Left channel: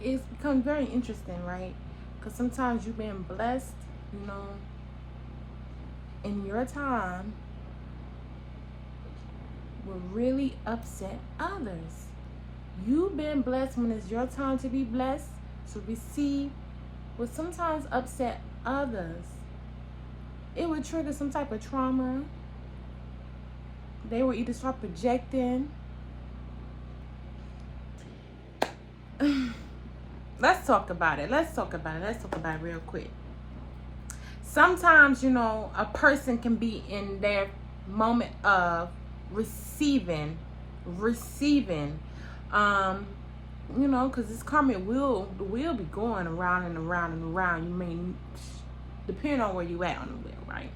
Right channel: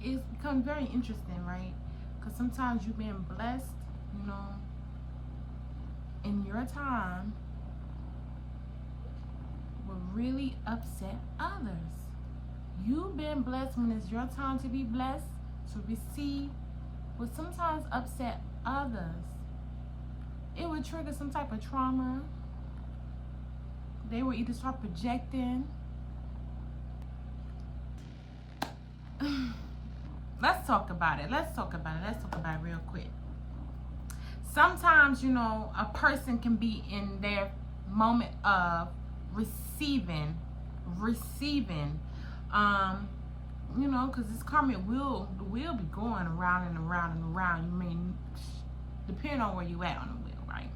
it's become very interesting, right? Because sometimes you've been blessed, you know, in your time will really upset others. You've been blessed when it's your time to be blessed, to receive, will sometimes upset others. It would trigger some type of trauma. They will either start projecting. Let's talk about it. Let's talk about it real quick. Sometimes, you know, a person can be in their moment of receiving, you know, because this karmic wheel, the wheel be going around and around and around. You may, depending on where you at on the wheel, right?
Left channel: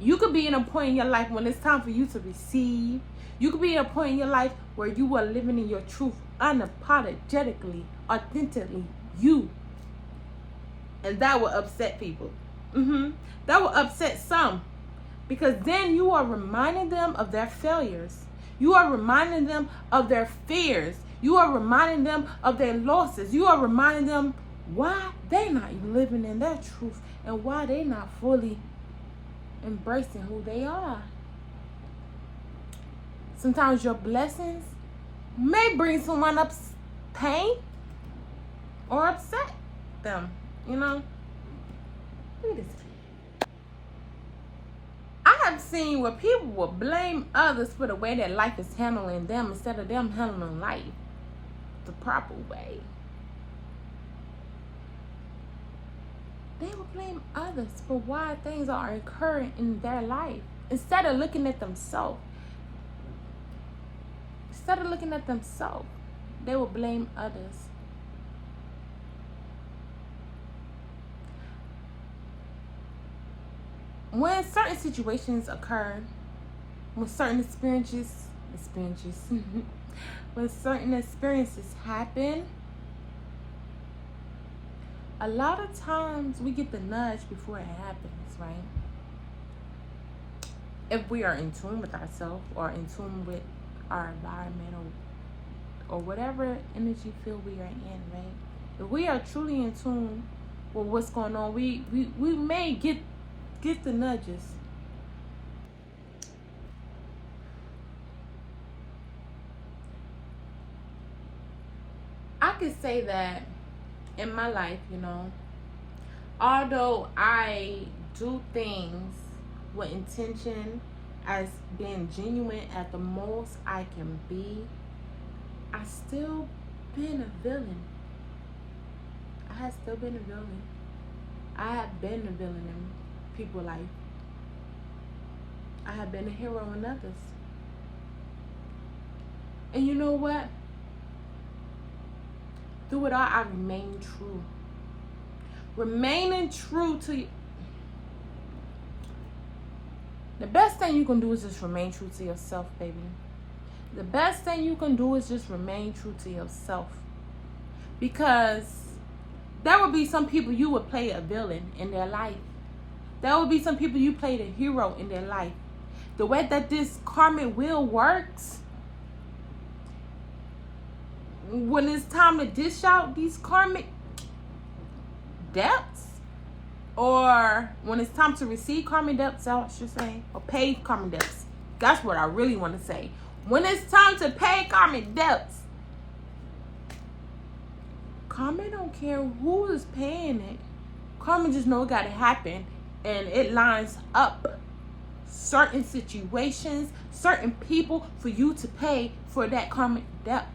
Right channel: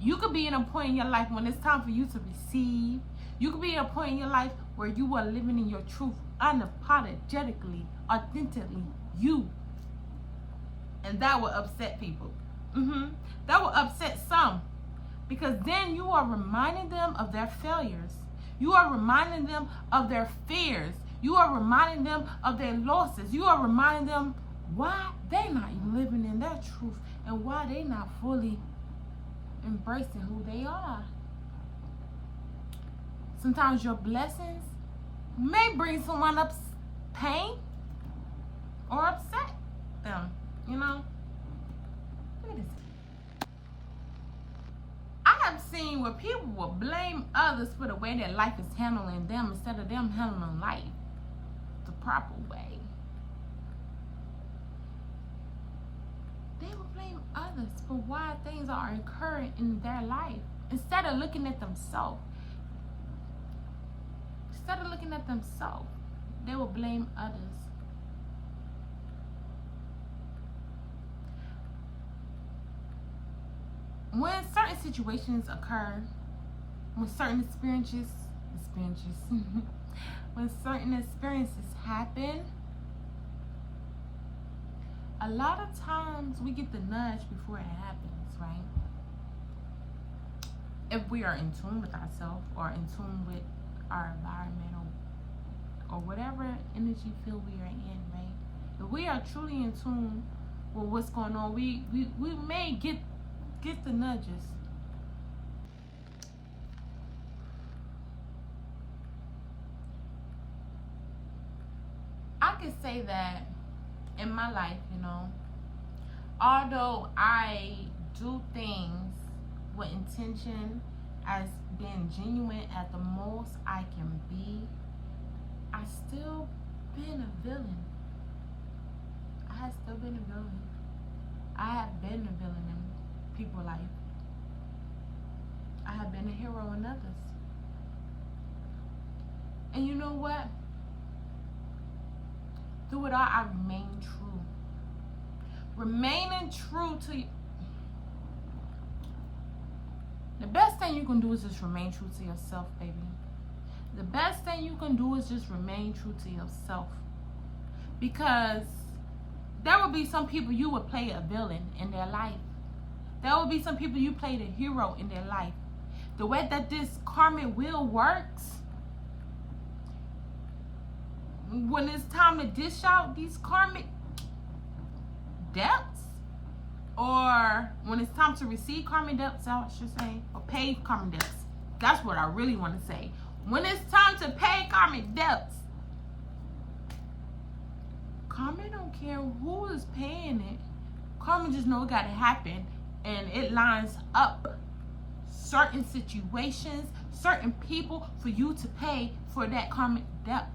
You could be in a point in your life when it's time for you to receive. You could be in a point in your life where you are living in your truth, unapologetically, authentically, you. And that will upset people. That will upset some. Because then you are reminding them of their failures. You are reminding them of their fears. You are reminding them of their losses. You are reminding them why they're not living in their truth and why they're not fully embracing who they are. Sometimes your blessings may bring someone up pain or upset them, you know. Look at this. I have seen where people will blame others for the way that life is handling them instead of them handling life the proper way. They will blame others for why things are occurring in their life instead of looking at themselves. They will blame others. When certain situations occur, when certain experiences when certain experiences happen, a lot of times we get the nudge before it happens, right? If we are in tune with ourselves or in tune with our environment or whatever energy field we are in, right? If we are truly in tune with what's going on, we may get the nudges. I could say that in my life, you know, although I do things with intention as being genuine at the most I can be, I still been a villain. I have still been a villain. I have been a villain in people's life. I have been a hero in others. And you know what? Through it all, I remain true. Remaining true to the best thing you can do is just remain true to yourself, baby. The best thing you can do is just remain true to yourself. Because there would be some people you would play a villain in their life. There would be some people you played a hero in their life. The way that this karmic wheel works, when it's time to dish out these karmic debts, or when it's time to receive karmic debts, I should say, or pay karmic debts. That's what I really want to say. When it's time to pay karmic debts, karma don't care who is paying it. Karma just know it got to happen, and it lines up certain situations, certain people for you to pay for that karmic debt.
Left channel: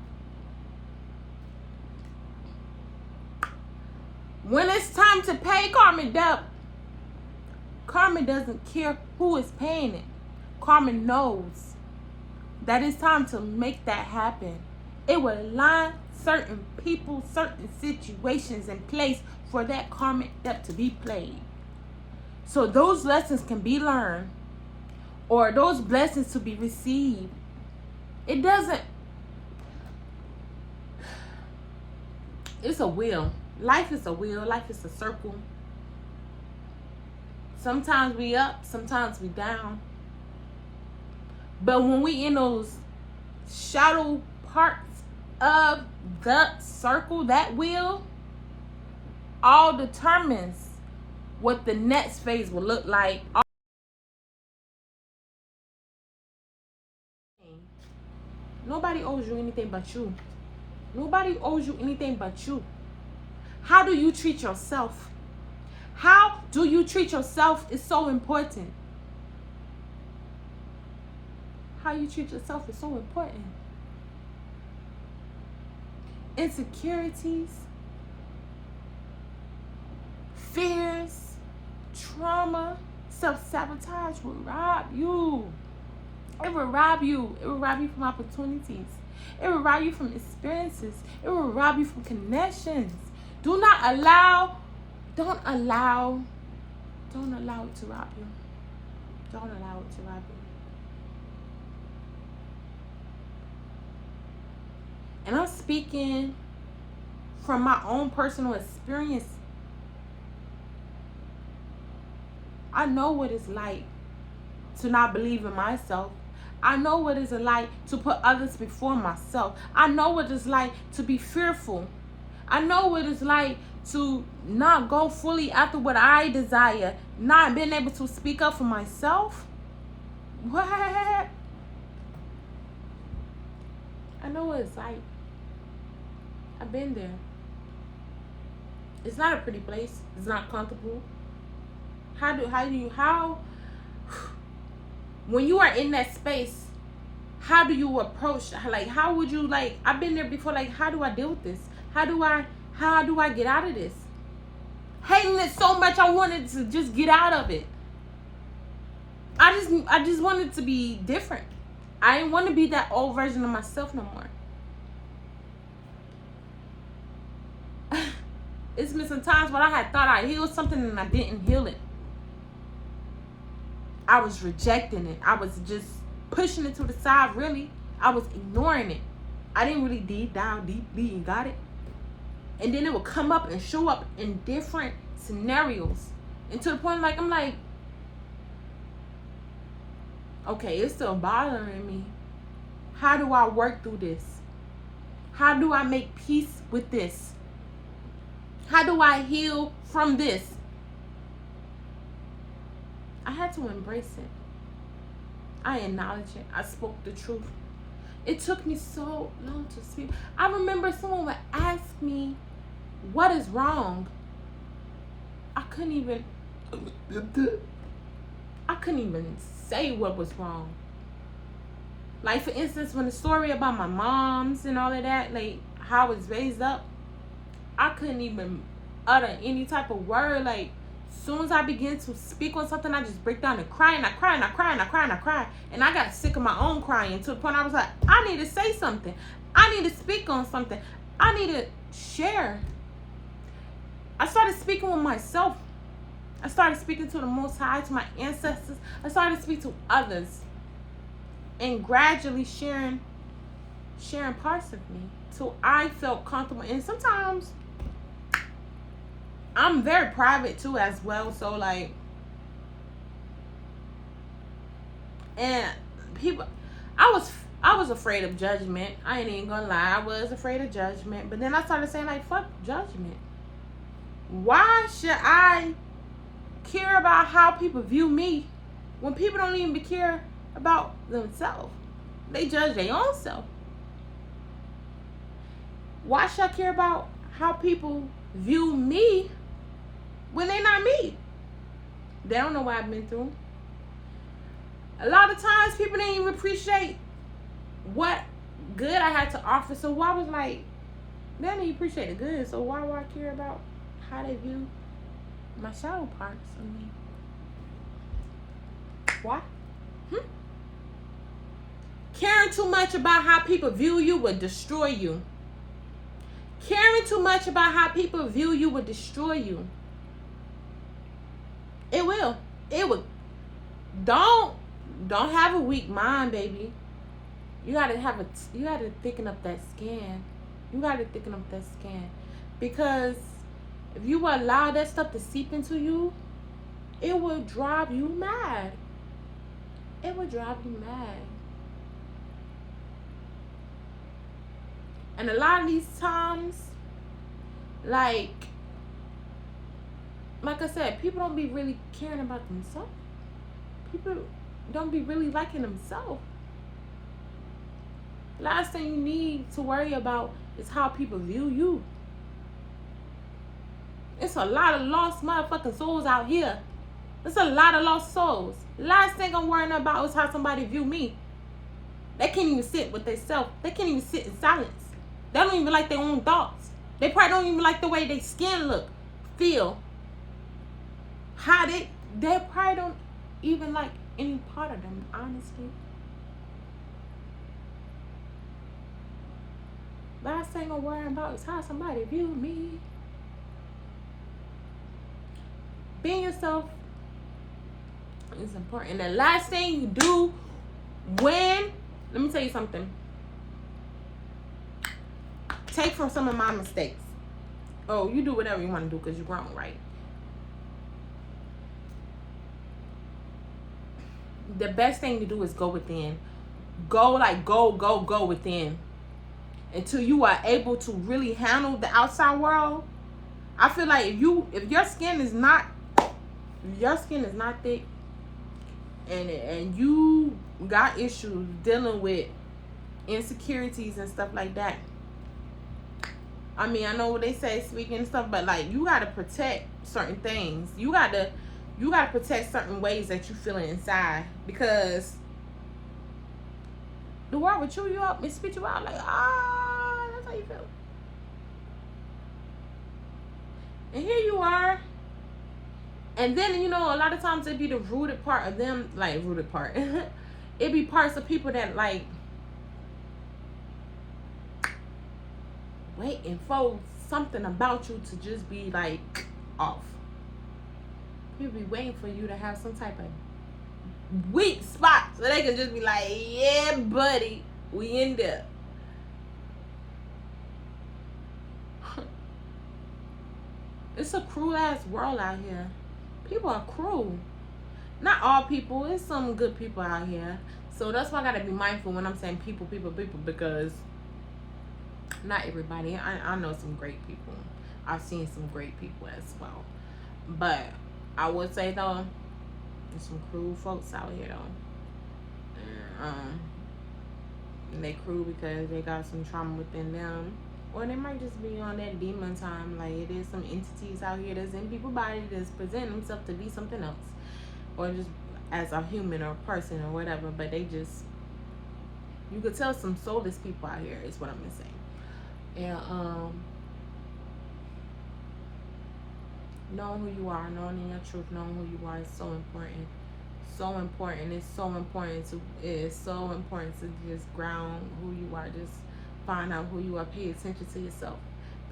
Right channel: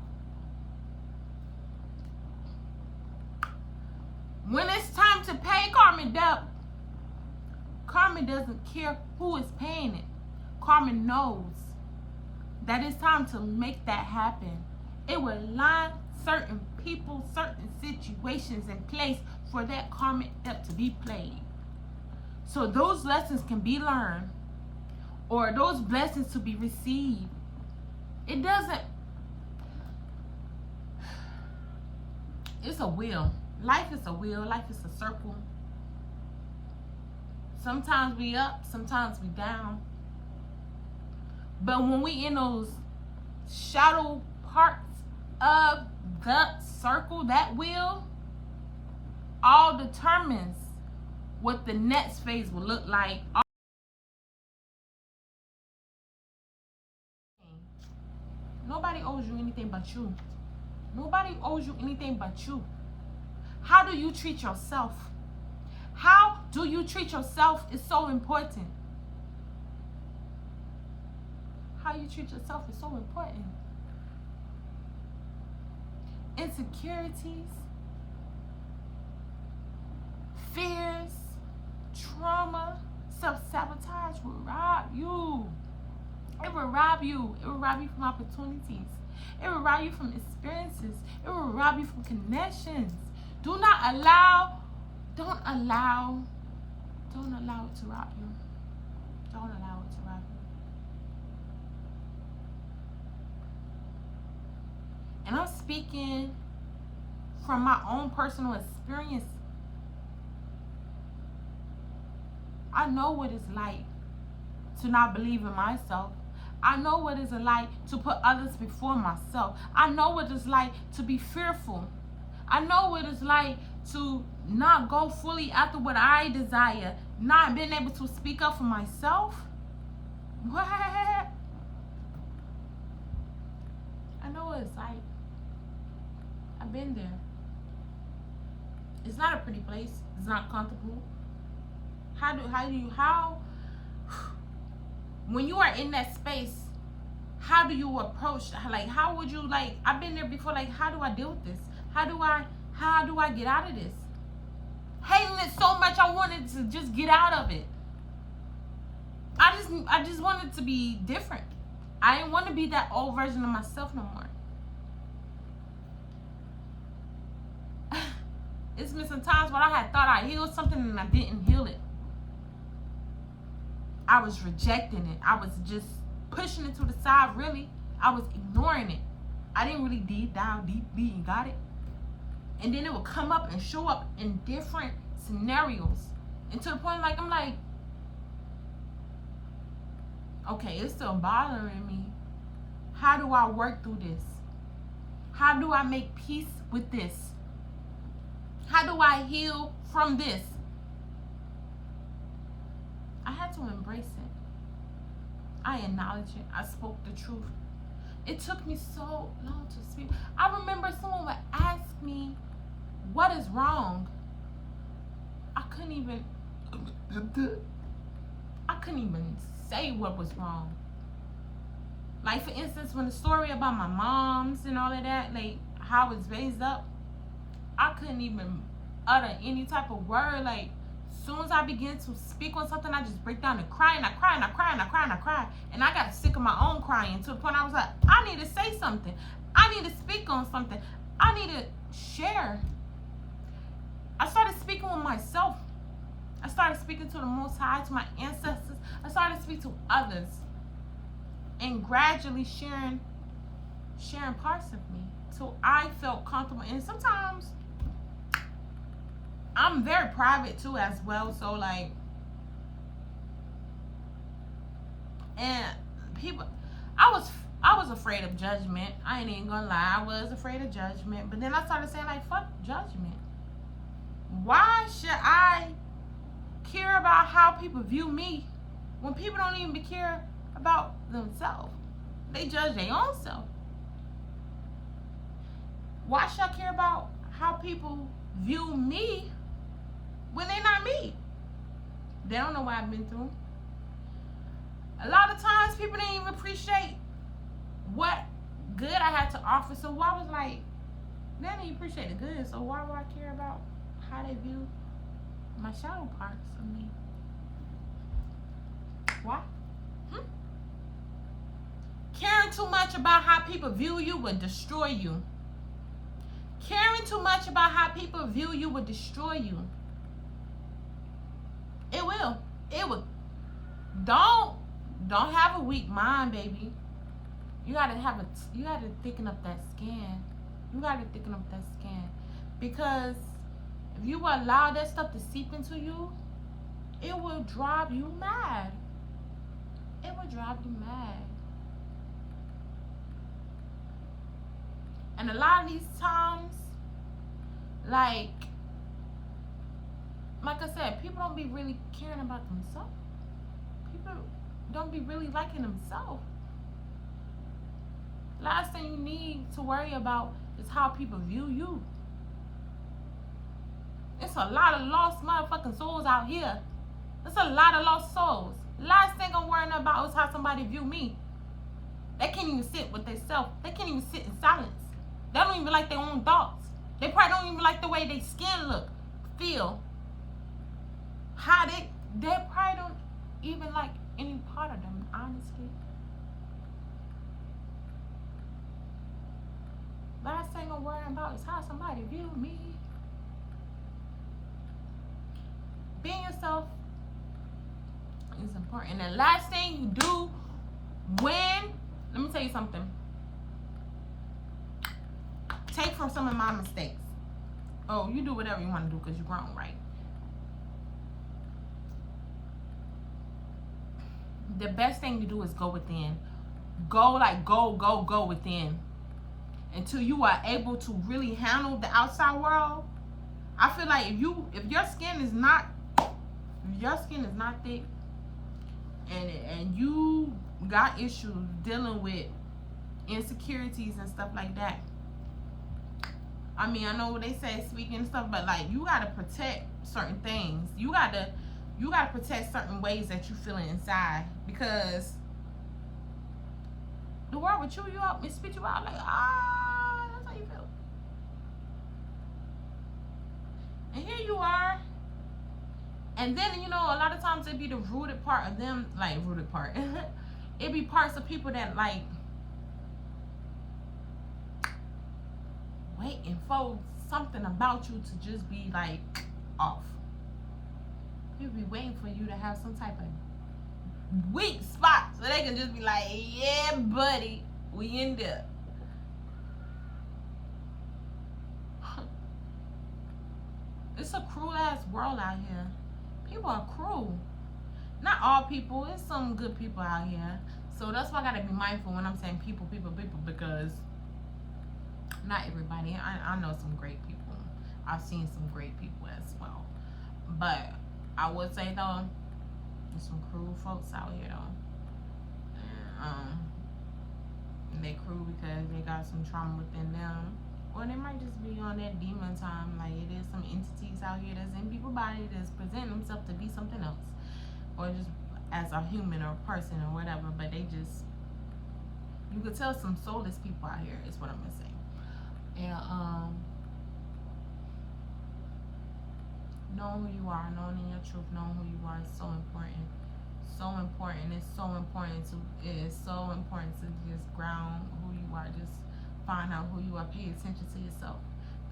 When it's time to pay karmic debt, karma doesn't care who is paying it. Karma knows that it's time to make that happen. It will line certain people, certain situations in place for that karmic debt to be played. So those lessons can be learned, or those blessings to be received. It doesn't, it's a wheel. Life is a wheel. Life is a circle. Sometimes we up, sometimes we down. But when we in those shadow parts of the circle, that wheel, all determines what the next phase will look like. Nobody owes you anything but you. Nobody owes you anything but you. How do you treat yourself? How do you treat yourself is so important. How you treat yourself is so important. Insecurities, fears, trauma, self-sabotage will rob you. It will rob you. It will rob you from opportunities. It will rob you from experiences. It will rob you from connections. Don't allow it to rob you. Don't allow it to rob you. And I'm speaking from my own personal experience. I know what it's like to not believe in myself. I know what it's like to put others before myself. I know what it's like to be fearful. I know what it's like to not go fully after what I desire, not being able to speak up for myself. What? I know what it's like. I've been there. It's not a pretty place. It's not comfortable. When you are in that space, how do you approach, like, how would you, like, I've been there before, like, how do I deal with this? How do I get out of this? Hating it so much, I wanted to just get out of it. I just wanted to be different. I didn't want to be that old version of myself no more. It's been some times when I had thought I healed something and I didn't heal it. I was rejecting it. I was just pushing it to the side, really. I was ignoring it. I didn't really dive deeply and got it. And then it would come up and show up in different scenarios. And to the point, like, I'm like, okay, it's still bothering me. How do I work through this? How do I make peace with this? How do I heal from this? I had to embrace it. I acknowledge it. I spoke the truth. It took me so long to speak. I remember someone would ask me, what is wrong? I couldn't even say what was wrong. Like, for instance, when the story about my moms and all of that, like, how I was raised up, I couldn't even utter any type of word. Like, as soon as I begin to speak on something, I just break down and cry, and I cry, and I cry, and I cry, and I cry. And I got sick of my own crying to the point I was like, I need to say something. I need to speak on something. I need to share. I started speaking with myself. I started speaking to the Most High, to my ancestors. I started to speak to others. And gradually sharing parts of me till I felt comfortable. And sometimes I'm very private too as well. So, like, and people, I was afraid of judgment. I ain't even gonna lie. I was afraid of judgment. But then I started saying, like, fuck judgment. Why should I care about how people view me when people don't even care about themselves? They judge their own self. Why should I care about how people view me when they're not me? They don't know what I've been through. A lot of times people didn't even appreciate what good I had to offer. So I was like, they didn't even appreciate the good. So why do I care about how they view my shadow parts of me? Why? Caring too much about how people view you will destroy you. Caring too much about how people view you will destroy you. It will. It will. Don't have a weak mind, baby. You gotta thicken up that skin. You gotta thicken up that skin. Because if you allow that stuff to seep into you, it will drive you mad. It will drive you mad. And a lot of these times, like I said, people don't be really caring about themselves. People don't be really liking themselves. Last thing you need to worry about is how people view you. It's a lot of lost motherfucking souls out here. There's a lot of lost souls. Last thing I'm worrying about is how somebody view me. They can't even sit with themselves. They can't even sit in silence. They don't even like their own thoughts. They probably don't even like the way their skin look, feel. How they probably don't even like any part of them, honestly. Last thing I'm worrying about is how somebody view me. Being yourself is important. The last thing you do when, let me tell you something. Take from some of my mistakes. Oh, you do whatever you want to do because you're grown, right? The best thing to do is go within. Go within. Until you are able to really handle the outside world. I feel like if your skin is not thick and you got issues dealing with insecurities and stuff like that. I mean, I know what they say, speaking and stuff, but like you gotta protect certain things. You gotta protect certain ways that you feel inside, because the world will chew you up and spit you out like, that's how you feel. And here you are. And then, you know, a lot of times it be the rooted part of them, like rooted part. It be parts of people that like waiting for something about you to just be like off. People be waiting for you to have some type of weak spot so they can just be like, yeah, buddy, we in there. It's a cruel ass world out here. People are cruel. Not all people. There's some good people out here. So that's why I gotta be mindful when I'm saying people, because not everybody. I know some great people. I've seen some great people as well. But I would say though, there's some cruel folks out here though. And they cruel because they got some trauma within them. Or they might just be on that demon time. Like, it is some entities out here that's in people's body that's presenting themselves to be something else. Or just as a human or a person or whatever. But they just, you could tell some soulless people out here is what I'm saying. And knowing who you are, knowing in your truth, knowing who you are is so important. So important. It's so important to just ground who you are. Just find out who you are. Pay attention to yourself.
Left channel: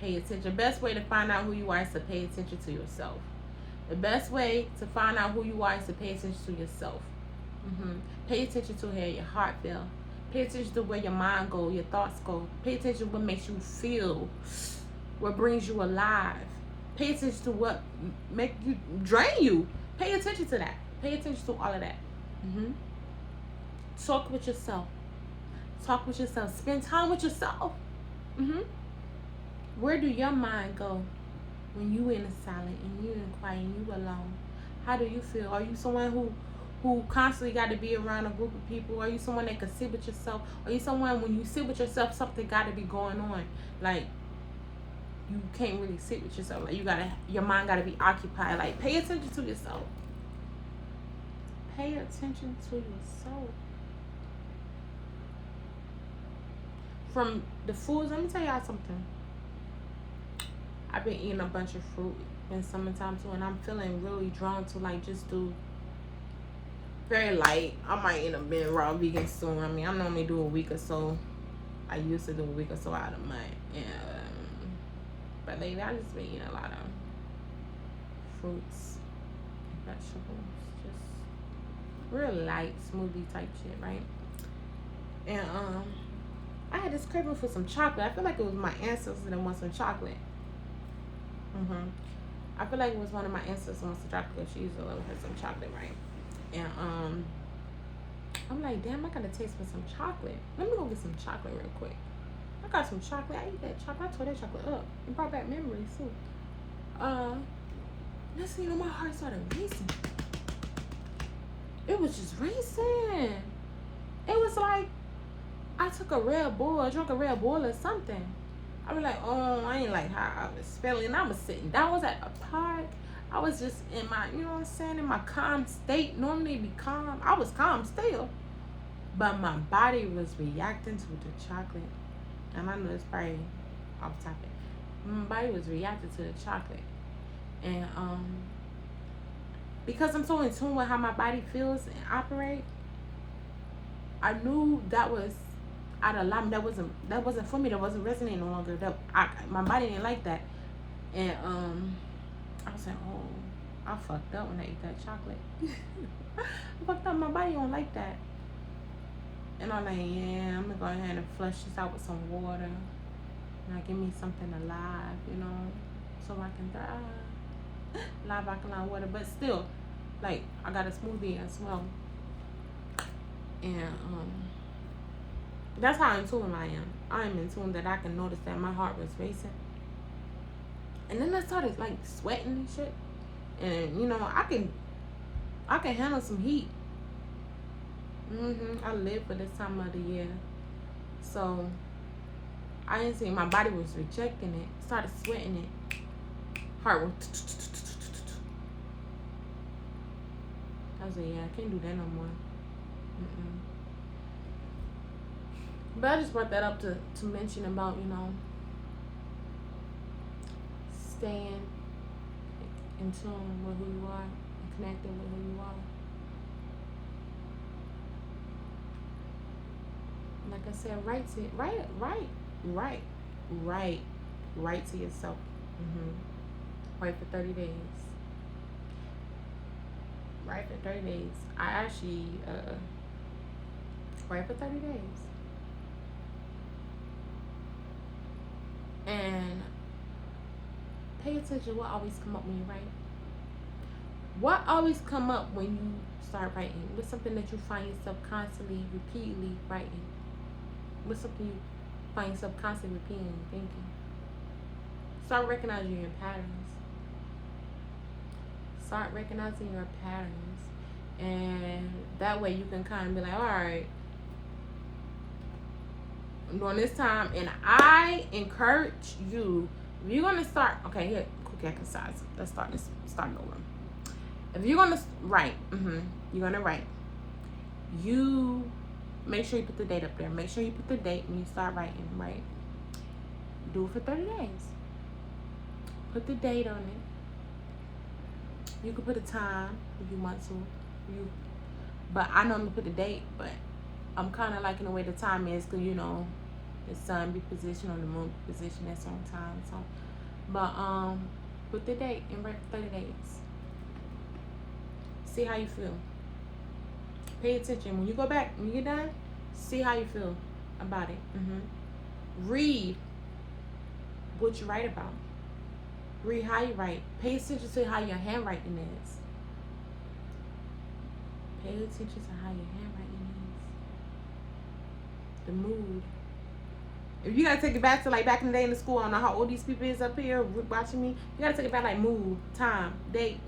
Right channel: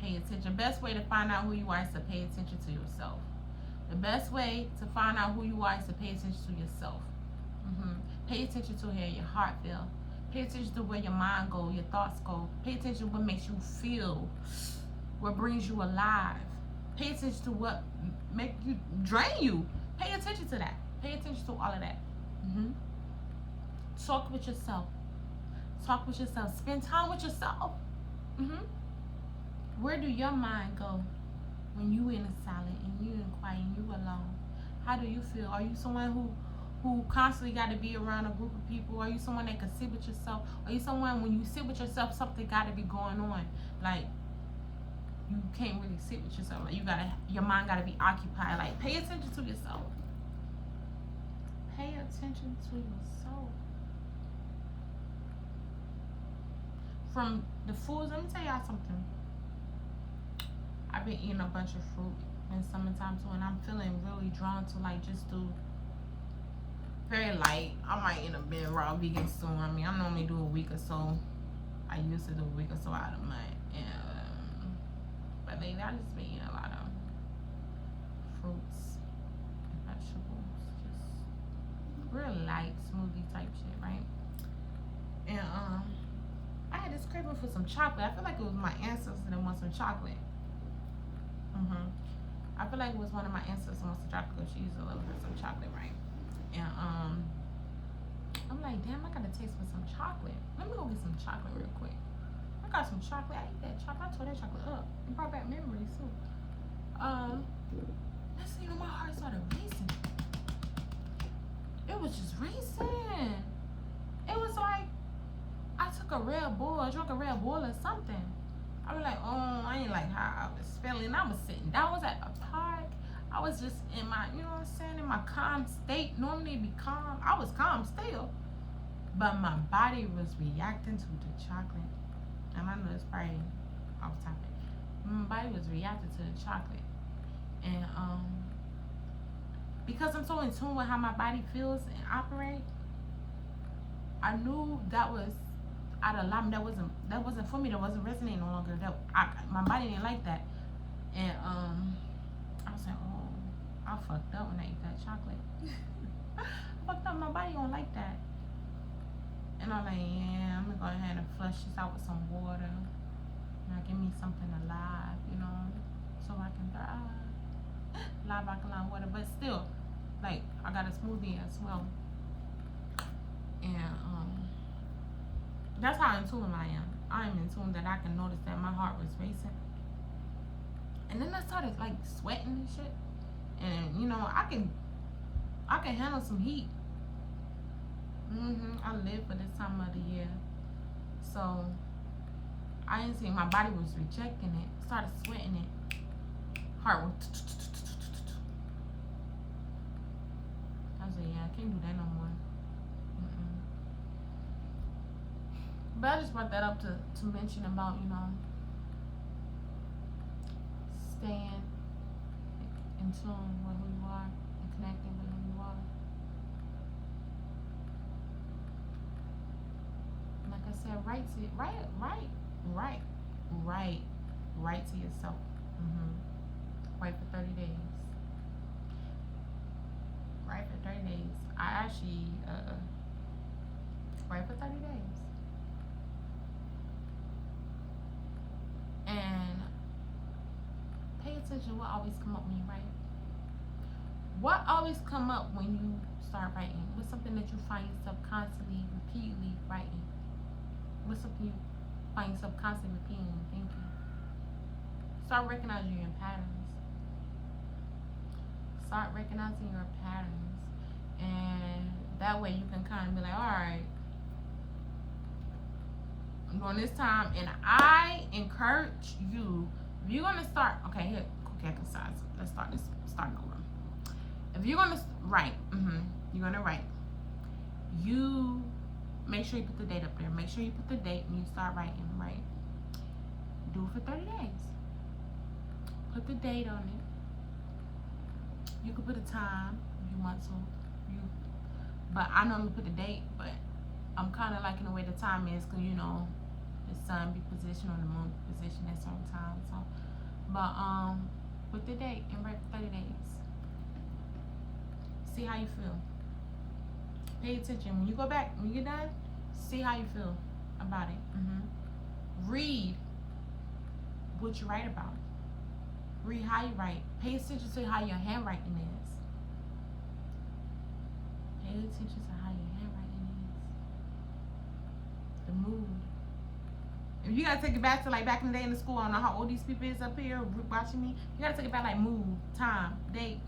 Pay attention. The best way to find out who you are is to pay attention to yourself. The best way to find out who you are is to pay attention to yourself. Pay attention to how your heart feels. Pay attention to where your mind goes, your thoughts go. Pay attention to what makes you feel, what brings you alive. Pay attention to what make you drain you. Pay attention to that. Pay attention to all of that. Talk with yourself. Talk with yourself. Spend time with yourself. Where do your mind go when you in the silent and you in quiet and you alone? How do you feel? Are you someone who constantly got to be around a group of people? Are you someone that can sit with yourself? Are you someone when you sit with yourself, something got to be going on? Like, you can't really sit with yourself. Like, your mind got to be occupied. Like, pay attention to yourself. Pay attention to yourself. From the foods, let me tell y'all something. I've been eating a bunch of fruit in summertime too, and I'm feeling really drawn to like just do very light. I might end up being raw vegan soon. I mean, I normally do a week or so. I used to do a week or so out of month. But lately I just been eating a lot of fruits, vegetables, just real light smoothie type shit, right? And I had this craving for some chocolate. I feel like it was my ancestors that want some chocolate. I feel like it was one of my ancestors wants some chocolate. She used to love her some chocolate, right? And I'm like, damn, I gotta taste for some chocolate. Let me go get some chocolate real quick. I got some chocolate. I ate that chocolate. I tore that chocolate up. It brought back memories too. Next thing you know, my heart started racing. It was just racing. It was like I took a Red Bull, I drank a Red Bull or something. I was like, oh, I ain't like how I was feeling. I was sitting down. I was at a park. I was just in my, you know what I'm saying, in my calm state. Normally be calm. I was calm still. But my body was reacting to the chocolate. And I know it's probably off topic. My body was reacting to the chocolate. And because I'm so in tune with how my body feels and operate, I knew that was out of alignment. That wasn't for me. That wasn't resonating no longer. My body didn't like that. And I was like, oh, I fucked up when I ate that chocolate. I fucked up. My body don't like that. And I'm like, yeah, I'm gonna go ahead and flush this out with some water. Now give me something alive, you know, so I can thrive. Live alkaline water, but still, like, I got a smoothie as well. And that's how in tune I am. I am in tune that I can notice that my heart was racing. And then I started like sweating and shit. And you know, I can handle some heat. I live for this time of the year. So I didn't see, my body was rejecting it. Started sweating it. Heart was. I was like, yeah, I can't do that no more. But I just brought that up to mention about, you know, staying in tune with who you are and connecting with who you are. Like I said, write to yourself. Write for 30 days. Write for 30 days. I actually write for 30 days. And pay attention to what always come up when you write. What always come up when you start writing? What's something that you find yourself constantly, repeatedly writing? What's something you find yourself constantly repeating and thinking? Start recognizing your patterns. Start recognizing your patterns. And that way you can kind of be like, all right, during this time, and I encourage you, if you're gonna start, okay, here, quick exercise. Let's start over. If you're gonna write, you're gonna write. You make sure you put the date up there. Make sure you put the date when you start writing, right? Do it for 30 days. Put the date on it. You can put a time if you want to. But I normally put the date, but I'm kind of liking the way the time is, because, you know, the sun be positioned or the moon be positioned at certain times. So, but put the date and write for 30 days. See how you feel. Pay attention. When you go back, when you get done, see how you feel about it. Read what you write about. Read how you write. Pay attention to how your handwriting is. Pay attention to how your handwriting is. The mood. If you gotta take it back to like back in the day in the school, I don't know how old these people is up here watching me. You gotta take it back like mood, time, date,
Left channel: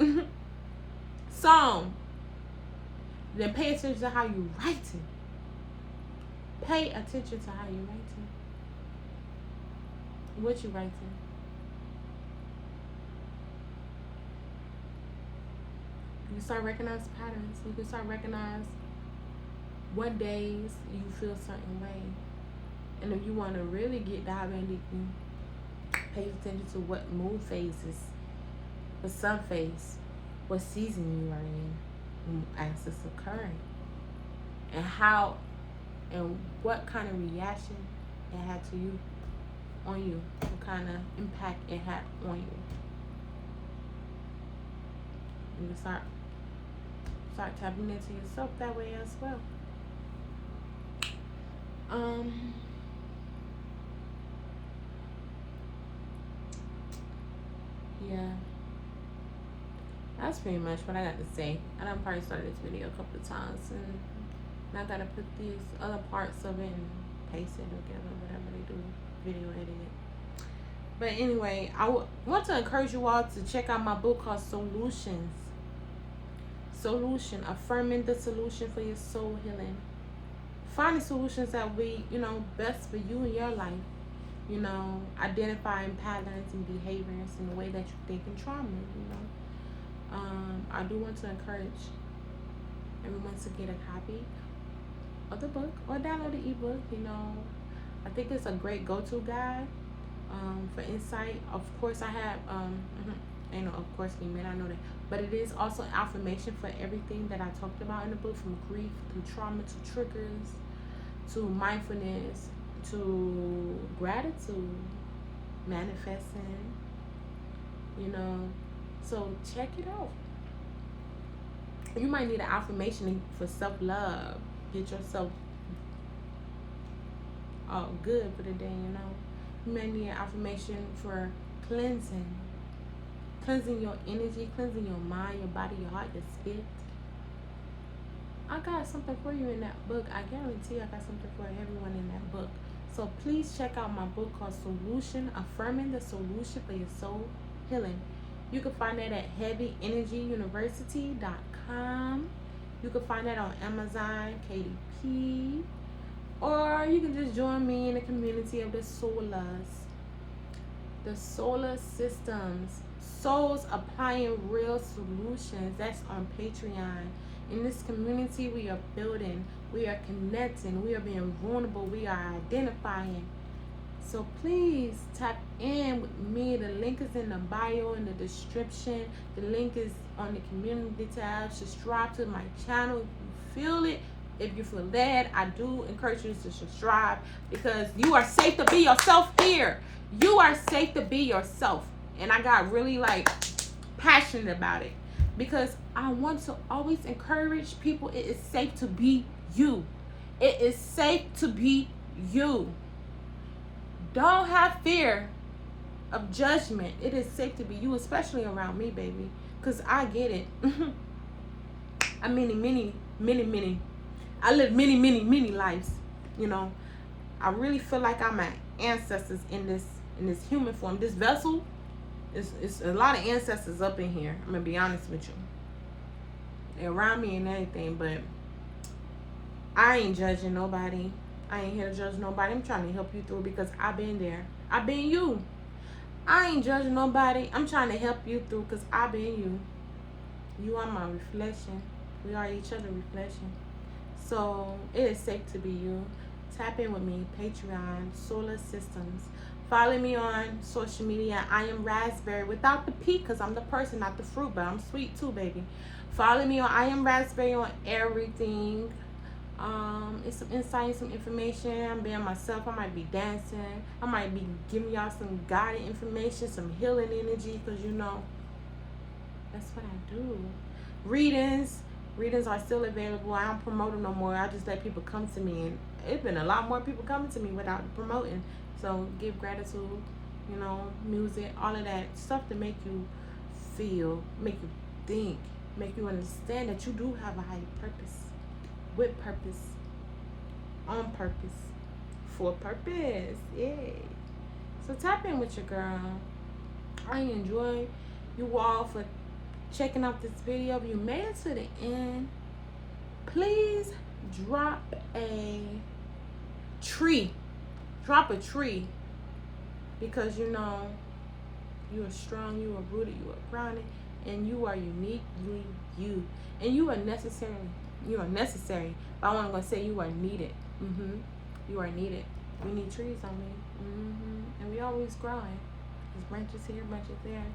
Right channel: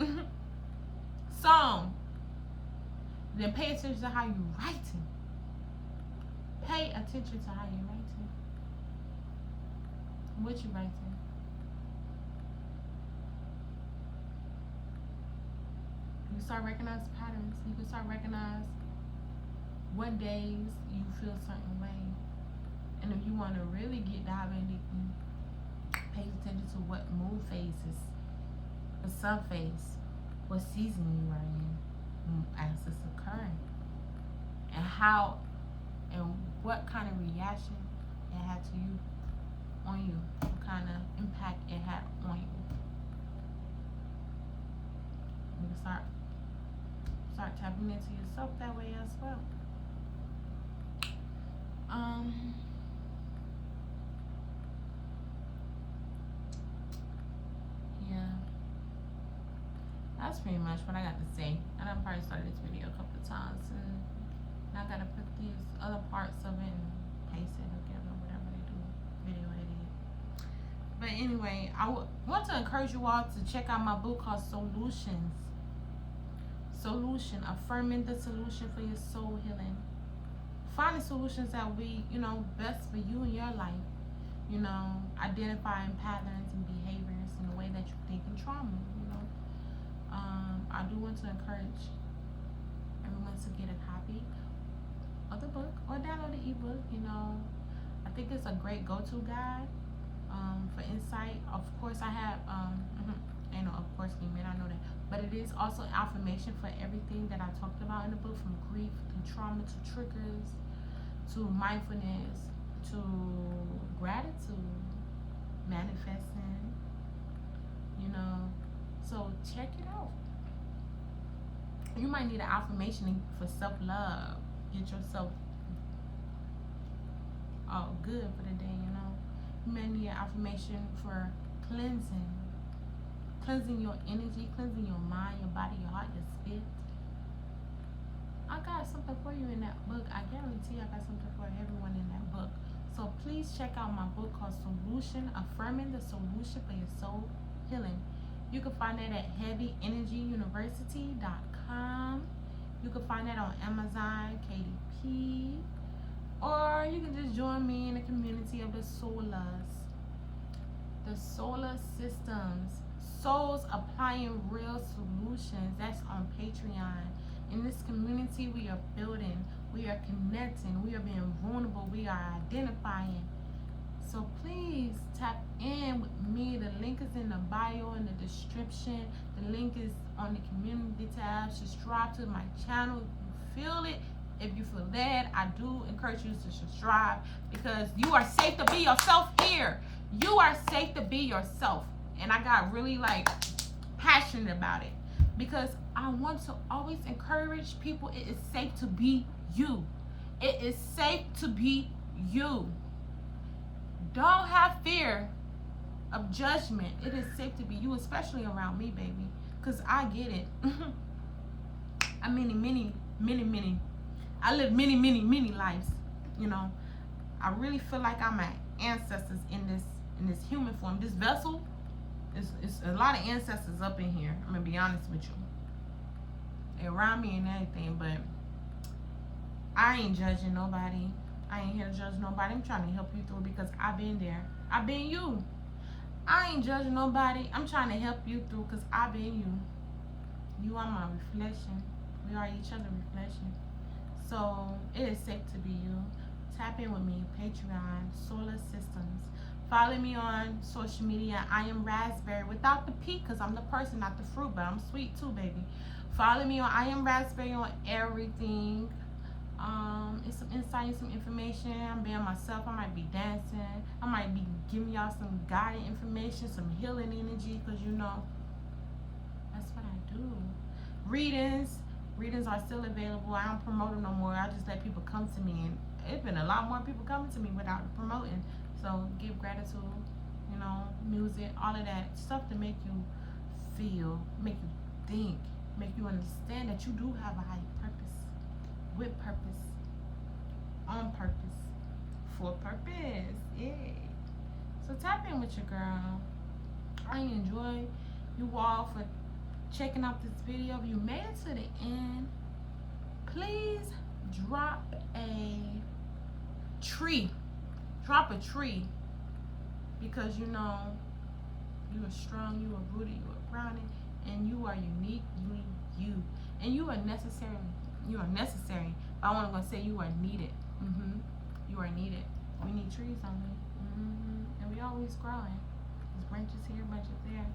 song. Then pay attention to how you writing. Pay attention to how you writing. What you writing. You start recognizing patterns. You can start recognize what days you feel a certain way. And if you want to really get diving deeply, pay attention to what moon phases, the sun phase, what season you are in as it's occurring, and how and what kind of reaction it had to you, on you, what kind of impact it had on you. You can start tapping into yourself that way as well. Yeah, that's pretty much what I got to say. I done probably started this video a couple of times, and I gotta put these other parts of it and paste it together, whatever they do. video edited. But anyway, I want to encourage you all to check out my book called Solutions. Solution, affirming the solution for your soul healing. Finding solutions that will, best for you in your life. Identifying patterns and behaviors in the way that you think in trauma, I do want to encourage everyone to get a copy of the book or download the ebook. I think it's a great go-to guide for insight. Of course, I have, of course, you may not know that, but it is also affirmation for everything that I talked about in the book, from grief to trauma to triggers to mindfulness to gratitude, manifesting, so check it out. You might need an affirmation for self-love. Get yourself all good for the day, You may need an affirmation for cleansing your energy, cleansing your mind, your body, your heart, your spirit. I got something for you in that book. I guarantee I got something for everyone in that book. So please check out my book called Solution, Affirming the Solution for Your Soul Healing. You can find that at heavyenergyuniversity.com. You can find that on Amazon, KDP, or you can just join me in the community of the Solas, the solar systems, souls applying real solutions. That's on Patreon. In this community, we are building, we are connecting, we are being vulnerable, we are identifying. So please tap in with me. The link is in the bio, in the description. The link is on the community tab. Subscribe to my channel if you feel it. If you feel led, I do encourage you to subscribe, because you are safe to be yourself here. You are safe to be yourself. And I got really passionate about it, because I want to always encourage people. It is safe to be you. It is safe to be you. Don't have fear of judgment. It is safe to be you, especially around me, baby, because I get it. I live many lives. I really feel like I'm my ancestors in this human form. This vessel is a lot of ancestors up in here. I'm gonna be honest with you. They're around me and everything, but I ain't judging nobody. I ain't here to judge nobody. I'm trying to help you through, because I've been there. I've been you. I ain't judging nobody. I'm trying to help you through, because I've been you. You are my reflection. We are each other's reflection. So it is safe to be you. Tap in with me. Patreon, Solar Systems. Follow me on social media. I am Raspberry without the P, because I'm the person, not the fruit, but I'm sweet too, baby. Follow me on I am Raspberry on everything. It's some insight and some information. I'm being myself. I might be dancing. I might be giving y'all some guided information, some healing energy, because that's what I do. Readings are still available. I don't promote them no more. I just let people come to me, and it's been a lot more people coming to me without the promoting. So give gratitude, music, all of that stuff to make you feel, make you think, make you understand that you do have a higher purpose, with purpose, on purpose, for purpose. Yay. So tap in with your girl. I enjoy you all for checking out this video. If you made it to the end, please drop a tree, because you are strong, you are rooted, you are grounded, and you are uniquely you, and you are necessary. But I want to say you are needed. You are needed. We need trees on me. And we always growing. There's branches here, branches there,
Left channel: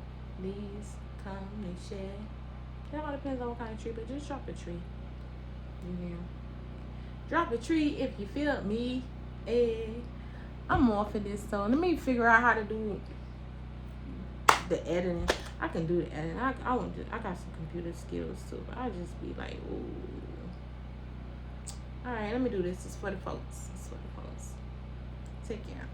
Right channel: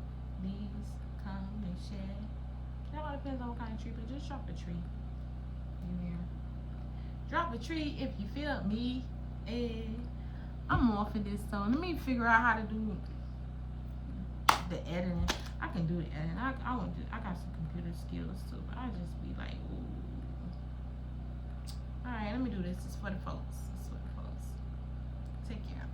leaves come, they shed. It all depends on what kind of tree, but just drop a tree. Drop a tree if you feel me. I'm all for this, so let me figure out how to do the editing. I can do the editing. I got some computer skills too, but I just be like, ooh. All right, let me do this. It's for the folks. Take care.